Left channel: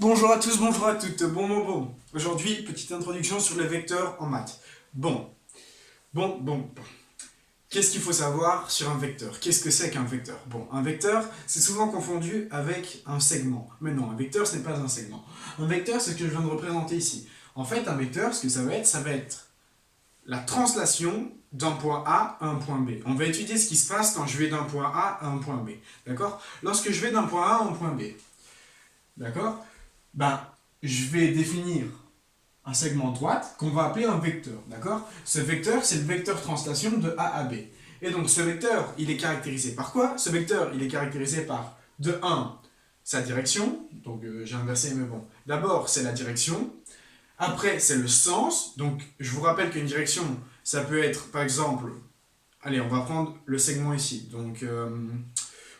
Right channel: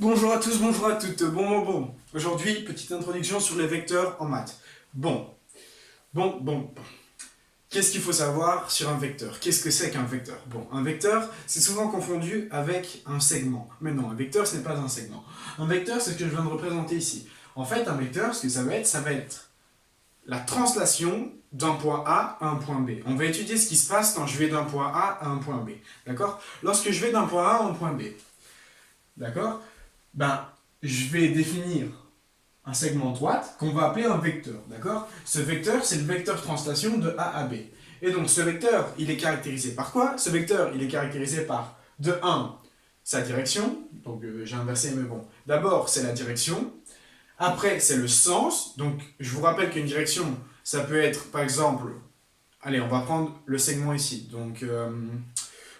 Bonjour à tous, bonjour à toutes, bon. Aujourd'hui, petite introduction sur les vecteurs en maths. Bon. Qu'est-ce qu'il faut savoir sur un vecteur? Qu'est-ce que c'est qu'un vecteur? Bon, un vecteur, c'est souvent confondu avec un segment. Mais non, un vecteur, ce n'est pas un segment. Un vecteur, c'est ce que je viens de représenter ici. En fait, un vecteur, ce que ça va être la translation d'un point A à un point B. On va étudier ce qui se passe quand je vais d'un point A à un point B. D'accord? Lorsque je vais d'un point A à un point B. D'accord? Je vais définir un segment droite qu'on va appeler un vecteur, d'accord? Ce vecteur, c'est le vecteur translation de A à B. Et donc, ce vecteur, il est caractérisé par quoi? Ce vecteur, il est caractérisé par, de 1, sa direction, donc j'ai inversé, mais bon. D'abord, c'est la direction. Après, c'est le sens. Donc, je vous rappelle qu'une direction, ça peut être, par exemple, allez, on va prendre le segment ici, donc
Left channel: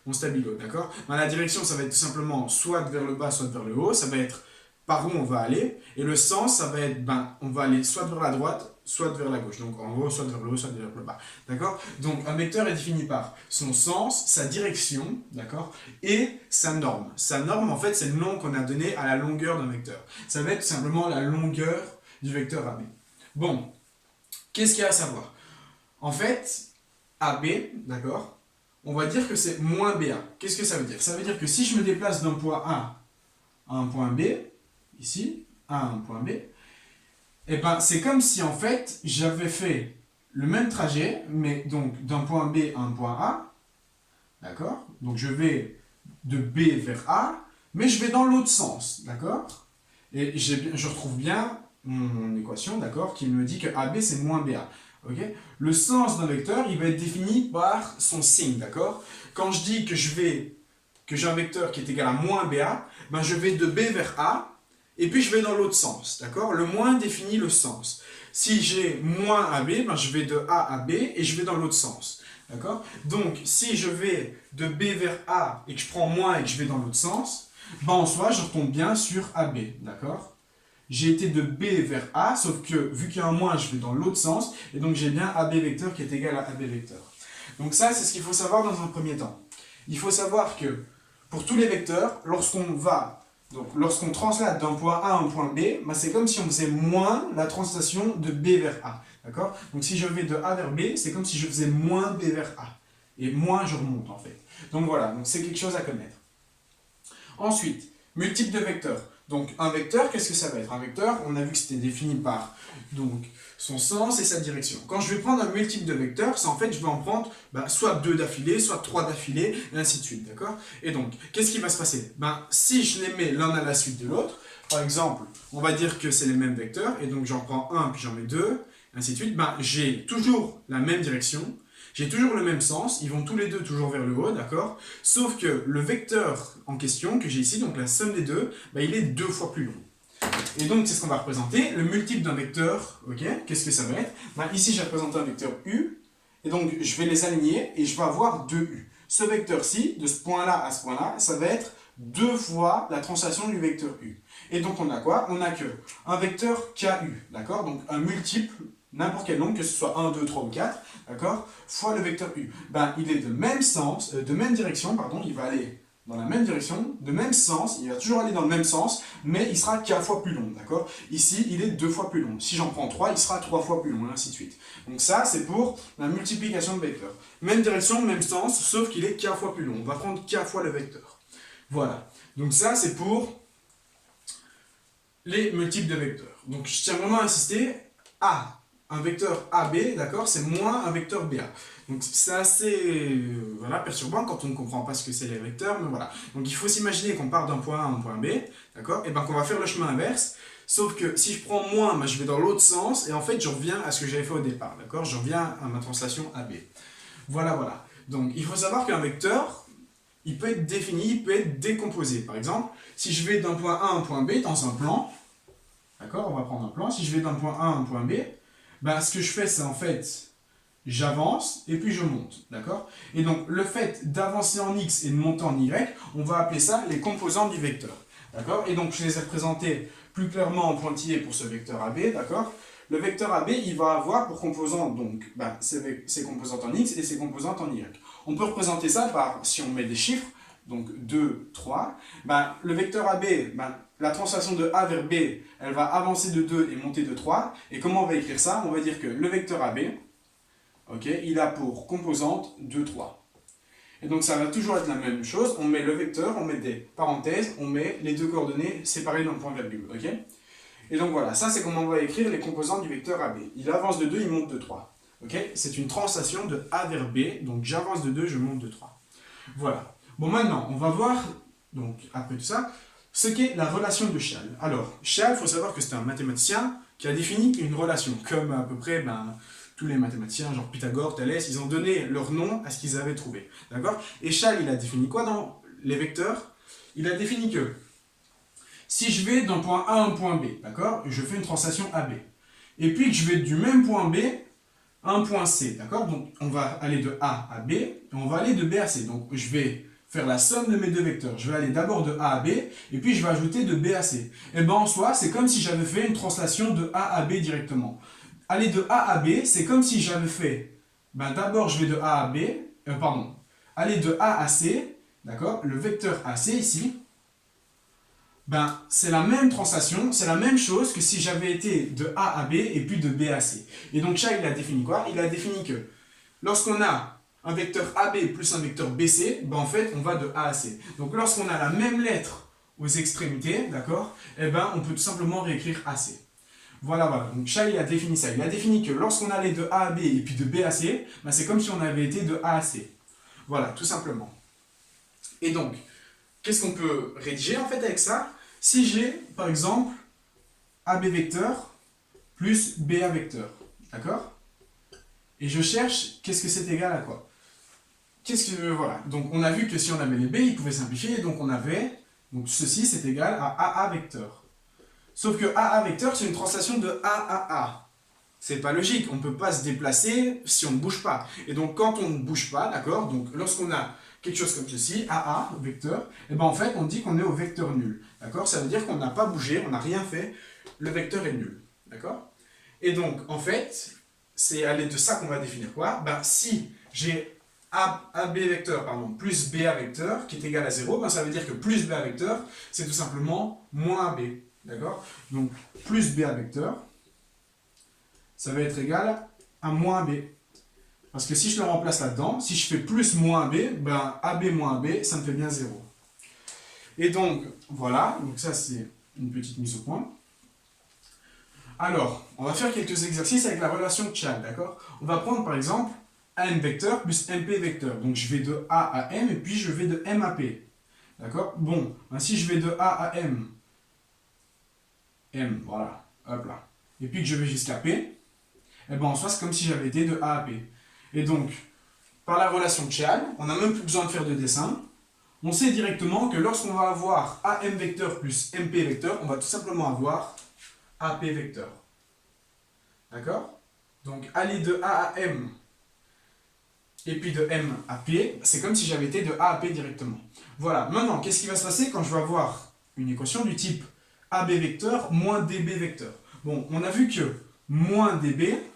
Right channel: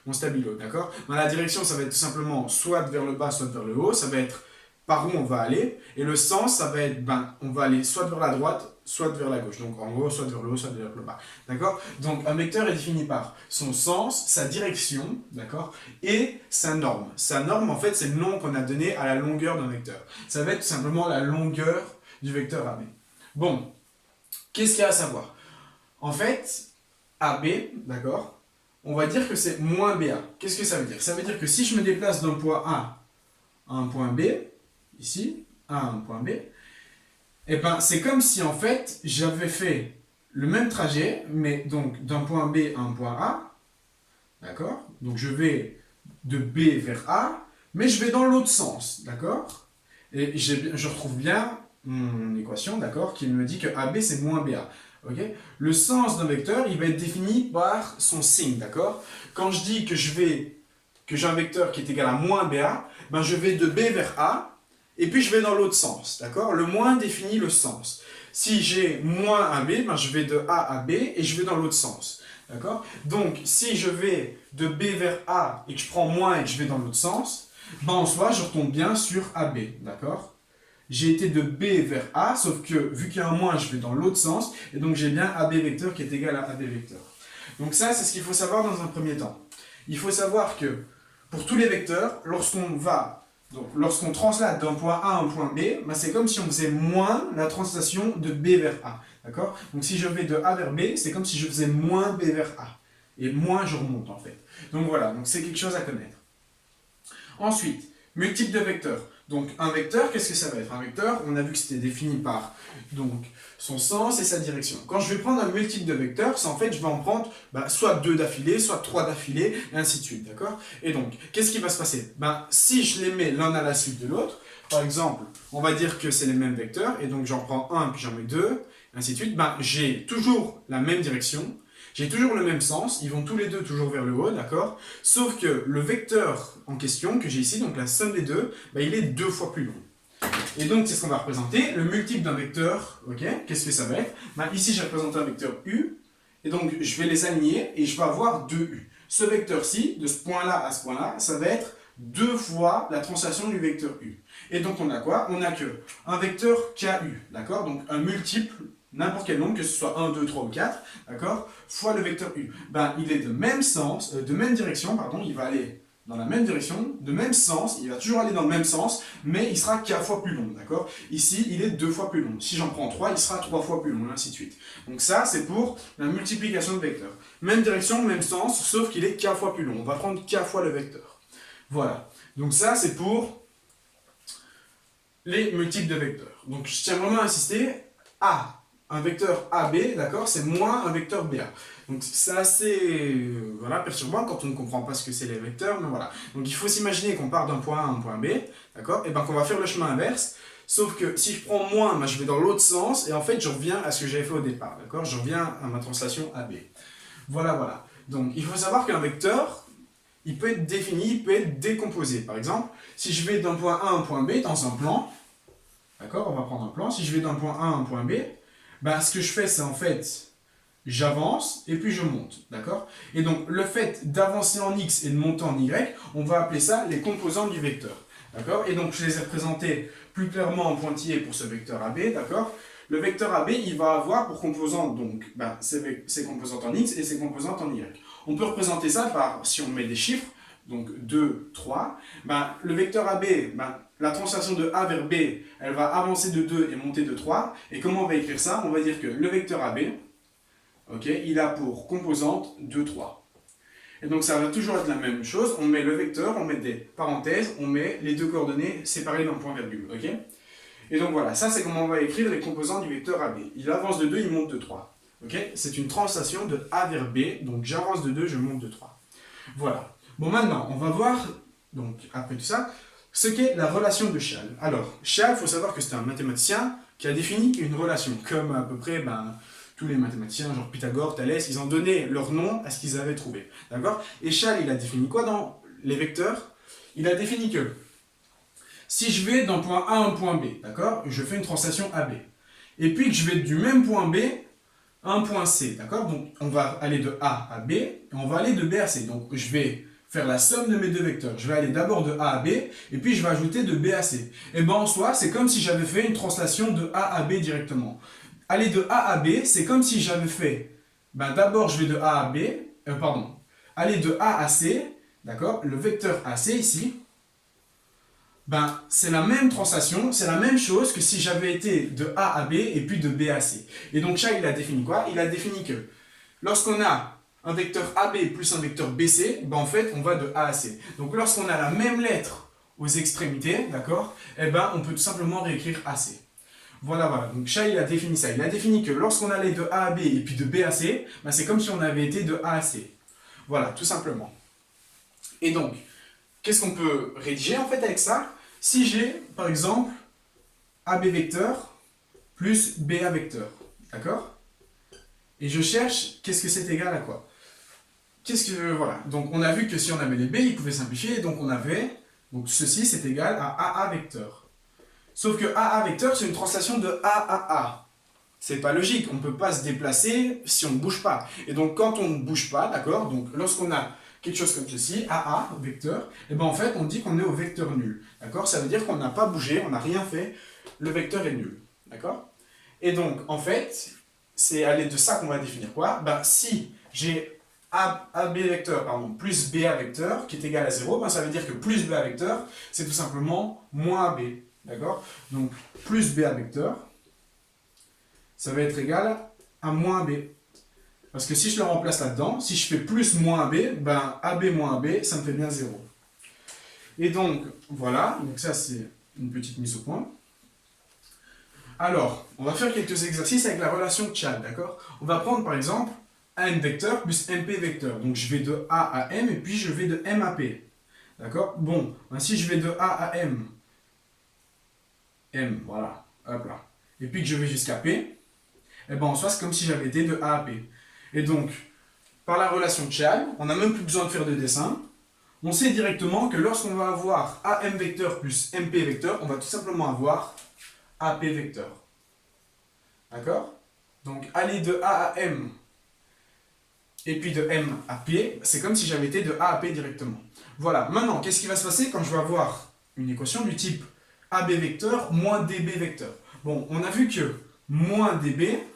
mon stabilo, d'accord? La direction, ça va être tout simplement soit vers le bas, soit vers le haut, ça va être par où on va aller, et le sens, ça va être, on va aller soit vers la droite, soit vers la gauche, donc en haut, soit vers le haut, soit vers le bas, d'accord? Donc un vecteur est défini par son sens, sa direction, d'accord? Et sa norme. Sa norme, en fait, c'est le nom qu'on a donné à la longueur d'un vecteur. Ça va être tout simplement la longueur du vecteur AB. Bon, qu'est-ce qu'il y a à savoir? En fait, AB, d'accord? On va dire que c'est moins BA. Qu'est-ce que ça veut dire? Ça veut dire que si je me déplace d'un point A à un point B, ici, A à un point B, et c'est comme si en fait j'avais fait le même trajet, mais donc d'un point B à un point A, d'accord? Donc je vais de B vers A, mais je vais dans l'autre sens, d'accord? Et je retrouve bien mon équation, d'accord, qui me dit que AB c'est moins BA. Okay. Le sens d'un vecteur, il va être défini par son signe, d'accord? Quand je dis que j'ai un vecteur qui est égal à moins BA, je vais de B vers A, et puis je vais dans l'autre sens, d'accord? Le moins définit le sens. Si j'ai moins AB, je vais de A à B, et je vais dans l'autre sens, d'accord? Donc, si je vais de B vers A, et que je prends moins et que je vais dans l'autre sens, en soi, je retombe bien sur AB, d'accord? J'ai été de B vers A, sauf que vu qu'il y a un moins, je vais dans l'autre sens, et donc j'ai bien AB vecteur qui est égal à AB vecteur. Donc ça, c'est ce qu'il faut savoir dans un premier temps. Il faut savoir que pour tous les vecteurs, lorsqu'on translate d'un point A à un point B, c'est comme si on faisait moins la translation de B vers A. D'accord? Donc si je vais de A vers B, c'est comme si je faisais moins B vers A. Et moins je remonte en fait. Donc voilà, donc c'est quelque chose à connaître. Ensuite, multiple de vecteurs. Donc un vecteur, qu'est-ce que ça va être? Un vecteur, on a vu que c'était défini par donc, son sens et sa direction. Quand je vais prendre un multiple de vecteurs, c'est en fait, je vais en prendre soit 2 d'affilée, soit 3 d'affilée, et ainsi de suite, d'accord? Et donc, qu'est-ce qui va se passer? Si je les mets l'un à la suite de l'autre, par exemple, on va dire que c'est les mêmes vecteurs, et donc j'en prends un, puis j'en mets deux, ainsi de suite, j'ai toujours la même direction, j'ai toujours le même sens, ils vont tous les deux toujours vers le haut, d'accord? Sauf que le vecteur en question que j'ai ici, donc la somme des deux, il est 2 fois plus long. Et donc, c'est ce qu'on va représenter, le multiple d'un vecteur, ok? Qu'est-ce que ça va être? Ici, j'ai représenté un vecteur U, et donc je vais les aligner, et je vais avoir 2U. Ce vecteur-ci, de ce point-là à ce point-là, ça va être 2 fois la translation du vecteur U. Et donc, on a quoi? On a que un vecteur KU, d'accord? Donc, un multiple, n'importe quel nombre, que ce soit 1, 2, 3 ou 4, d'accord, fois le vecteur U. Il est de même sens, de même direction, pardon, il va aller dans la même direction, de même sens, il va toujours aller dans le même sens, mais il sera 4 fois plus long, d'accord? Ici, il est 2 fois plus long. Si j'en prends 3, il sera 3 fois plus long, et ainsi de suite. Donc ça, c'est pour la multiplication de vecteurs. Même direction, même sens, sauf qu'il est 4 fois plus long. On va prendre 4 fois le vecteur. Voilà. Donc ça, c'est pour les multiples de vecteurs. Donc je tiens vraiment à insister, un vecteur AB, d'accord, c'est moins un vecteur BA. Donc c'est assez perturbant quand on ne comprend pas ce que c'est les vecteurs, mais voilà. Donc il faut s'imaginer qu'on part d'un point A à un point B, d'accord, et qu'on va faire le chemin inverse, sauf que si je prends moins, je vais dans l'autre sens, et en fait je reviens à ce que j'avais fait au départ, d'accord, je reviens à ma translation AB. Voilà. Donc il faut savoir qu'un vecteur, il peut être défini, il peut être décomposé. Par exemple, si je vais d'un point A à un point B dans un plan, d'accord, on va prendre un plan, si je vais d'un point A à un point B, ce que je fais, c'est en fait, j'avance et puis je monte, d'accord? Et donc, le fait d'avancer en X et de monter en Y, on va appeler ça les composantes du vecteur, d'accord? Et donc, je les ai représentés plus clairement en pointillé pour ce vecteur AB, d'accord? Le vecteur AB, il va avoir pour composantes, donc, ses composantes en X et ses composantes en Y. On peut représenter ça par, si on met des chiffres, donc 2, 3, ben, le vecteur AB, ben, la translation de A vers B, elle va avancer de 2 et monter de 3. Et comment on va écrire ça? On va dire que le vecteur AB, okay, il a pour composante 2, 3. Et donc ça va toujours être la même chose, on met le vecteur, on met des parenthèses, on met les deux coordonnées séparées d'un point-virgule. Okay, et donc voilà, ça c'est comment on va écrire les composantes du vecteur AB. Il avance de 2, il monte de 3. Okay, c'est une translation de A vers B, donc j'avance de 2, je monte de 3. Voilà. Bon, maintenant, on va voir, donc après tout ça, ce qu'est la relation de Chasles. Alors, Chasles, il faut savoir que c'est un mathématicien qui a défini une relation, comme à peu près tous les mathématiciens, genre Pythagore, Thalès, ils ont donné leur nom à ce qu'ils avaient trouvé. D'accord? Et Chasles, il a défini quoi dans les vecteurs? Il a défini que si je vais d'un point A à un point B, d'accord? Je fais une translation AB. Et puis que je vais du même point B à un point C, d'accord? Donc on va aller de A à B, et on va aller de B à C. Donc je vais faire la somme de mes deux vecteurs. Je vais aller d'abord de A à B, et puis je vais ajouter de B à C. Et bien en soi, c'est comme si j'avais fait une translation de A à B directement. Aller de A à B, c'est comme si j'avais fait, d'abord je vais de A à B, aller de A à C, d'accord, le vecteur AC ici, c'est la même translation, c'est la même chose que si j'avais été de A à B et puis de B à C. Et donc Chasles, il a défini quoi? Il a défini que lorsqu'on a un vecteur AB plus un vecteur BC, en fait, on va de A à C. Donc lorsqu'on a la même lettre aux extrémités, d'accord, on peut tout simplement réécrire AC. Voilà. Donc Chasles, il a défini ça. Il a défini que lorsqu'on allait de A à B et puis de B à C, c'est comme si on avait été de A à C. Voilà, tout simplement. Et donc, qu'est-ce qu'on peut rédiger en fait avec ça? Si j'ai, par exemple, AB vecteur plus BA vecteur, d'accord? Et je cherche, qu'est-ce que c'est égal à quoi? Voilà. Donc on a vu que si on avait les B, ils pouvaient simplifier, donc on avait, donc ceci c'est égal à AA vecteur. Sauf que AA vecteur, c'est une translation de A à A. C'est pas logique, on ne peut pas se déplacer si on ne bouge pas. Et donc quand on ne bouge pas, d'accord, donc lorsqu'on a quelque chose comme ceci, AA, vecteur, en fait on dit qu'on est au vecteur nul. D'accord? Ça veut dire qu'on n'a pas bougé, on n'a rien fait, le vecteur est nul. D'accord? Et donc en fait, c'est à l'aide de ça qu'on va définir quoi? Si j'ai AB vecteur plus BA vecteur qui est égal à 0, ça veut dire que plus BA vecteur, c'est tout simplement moins AB. D'accord? Donc plus BA vecteur, ça va être égal à moins AB. Parce que si je le remplace là-dedans, si je fais plus moins AB, AB moins AB, ça me fait bien 0. Et donc, voilà, donc ça c'est une petite mise au point. Alors, on va faire quelques exercices avec la relation de Chasles, d'accord? On va prendre par exemple AM vecteur plus MP vecteur. Donc je vais de A à M et puis je vais de M à P. D'accord? Bon, si je vais de A à M, voilà, hop là, et puis que je vais jusqu'à P, en soi c'est comme si j'avais été de A à P. Et donc, par la relation de Chasles, on n'a même plus besoin de faire de dessin. On sait directement que lorsqu'on va avoir AM vecteur plus MP vecteur, on va tout simplement avoir AP vecteur. D'accord? Donc, aller de A à M et puis de M à P, c'est comme si j'avais été de A à P directement. Voilà. Maintenant, qu'est-ce qui va se passer quand je vais avoir une équation du type AB vecteur moins DB vecteur? Bon, on a vu que moins DB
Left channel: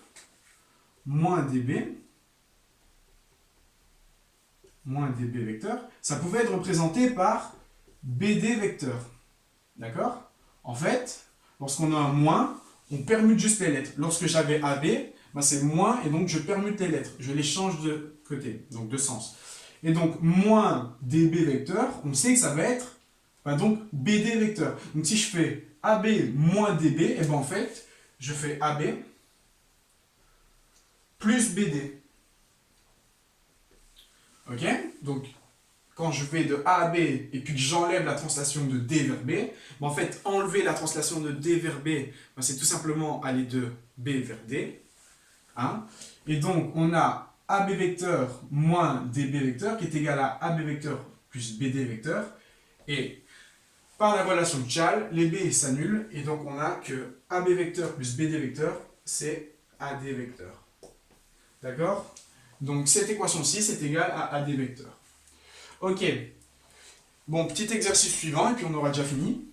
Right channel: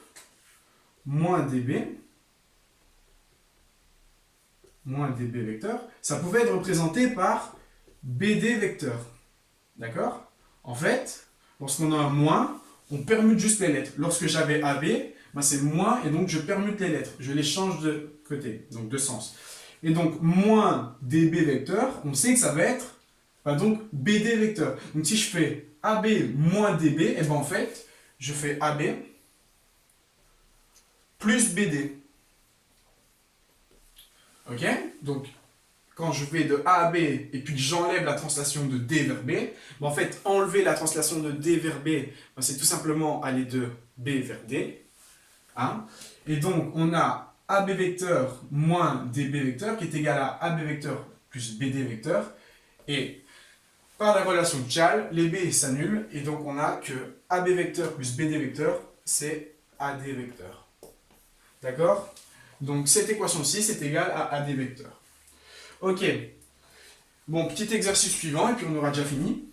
vecteur, ça pouvait être représenté par BD vecteur. D'accord? En fait, lorsqu'on a un moins, on permute juste les lettres. Lorsque j'avais AB, c'est moins, et donc je permute les lettres. Je les change de côté, donc de sens. Et donc, moins DB vecteur, on sait que ça va être donc BD vecteur. Donc si je fais AB moins DB, en fait, je fais AB plus BD. Ok? Donc, quand je vais de A à B et puis que j'enlève la translation de D vers B, en fait, enlever la translation de D vers B, c'est tout simplement aller de B vers D. Hein? Et donc, on a AB vecteur moins DB vecteur qui est égal à AB vecteur plus BD vecteur. Et par la relation de Chasles, les B s'annulent et donc on a que AB vecteur plus BD vecteur, c'est AD vecteur. D'accord? Donc cette équation-ci, c'est égal à AD vecteur. Ok. Bon, petit exercice suivant, et puis on aura déjà fini.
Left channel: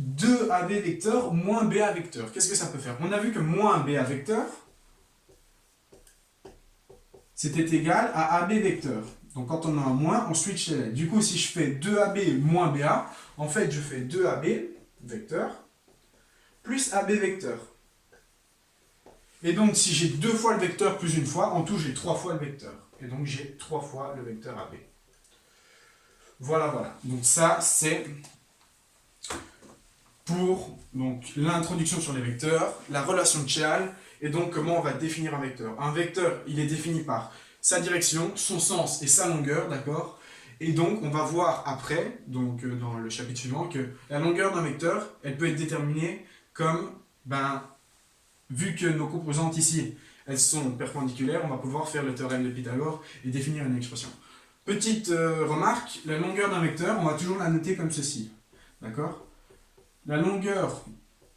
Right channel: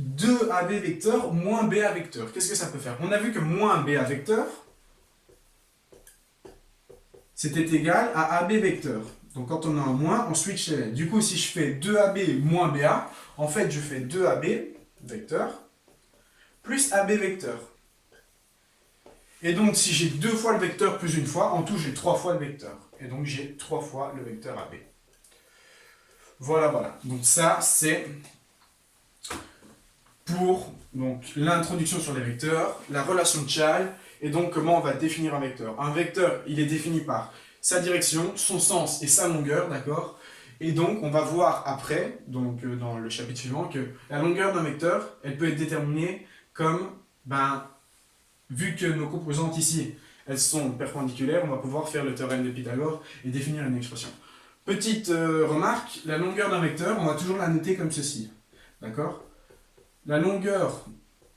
2AB vecteur moins BA vecteur. Qu'est-ce que ça peut faire? On a vu que moins BA vecteur, c'était égal à AB vecteur. Donc quand on a un moins, on switch les lettres. Du coup, si je fais 2AB moins BA, en fait, je fais 2AB vecteur plus AB vecteur. Et donc, si j'ai 2 fois le vecteur plus une fois, en tout, j'ai 3 fois le vecteur. Et donc, j'ai 3 fois le vecteur AB. Voilà, voilà. Donc ça, c'est pour l'introduction sur les vecteurs, la relation de Chasles, et donc comment on va définir un vecteur. Un vecteur, il est défini par sa direction, son sens et sa longueur, d'accord? Et donc, on va voir après, donc dans le chapitre suivant, que la longueur d'un vecteur, elle peut être déterminée comme, vu que nos composantes ici, elles sont perpendiculaires, on va pouvoir faire le théorème de Pythagore et définir une expression. Petite remarque, la longueur d'un vecteur, on va toujours la noter comme ceci, d'accord? La longueur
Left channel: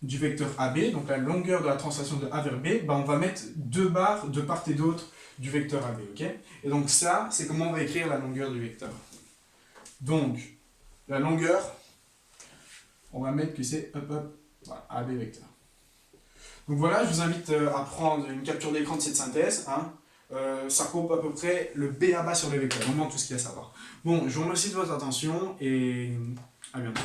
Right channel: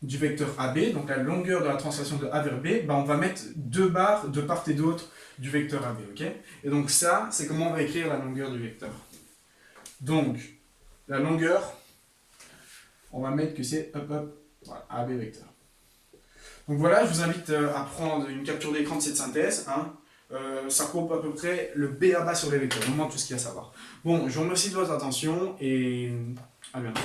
du vecteur AB, donc la longueur de la translation de A vers B, on va mettre 2 barres de part et d'autre du vecteur AB, ok? Et donc ça, c'est comment on va écrire la longueur du vecteur. Donc, la longueur, on va mettre que c'est voilà, AB vecteur. Donc voilà, je vous invite à prendre une capture d'écran de cette synthèse. Ça coupe à peu près le B à bas sur les vecteurs, vraiment tout ce qu'il y a à savoir. Bon, je vous remercie de votre attention et à bientôt.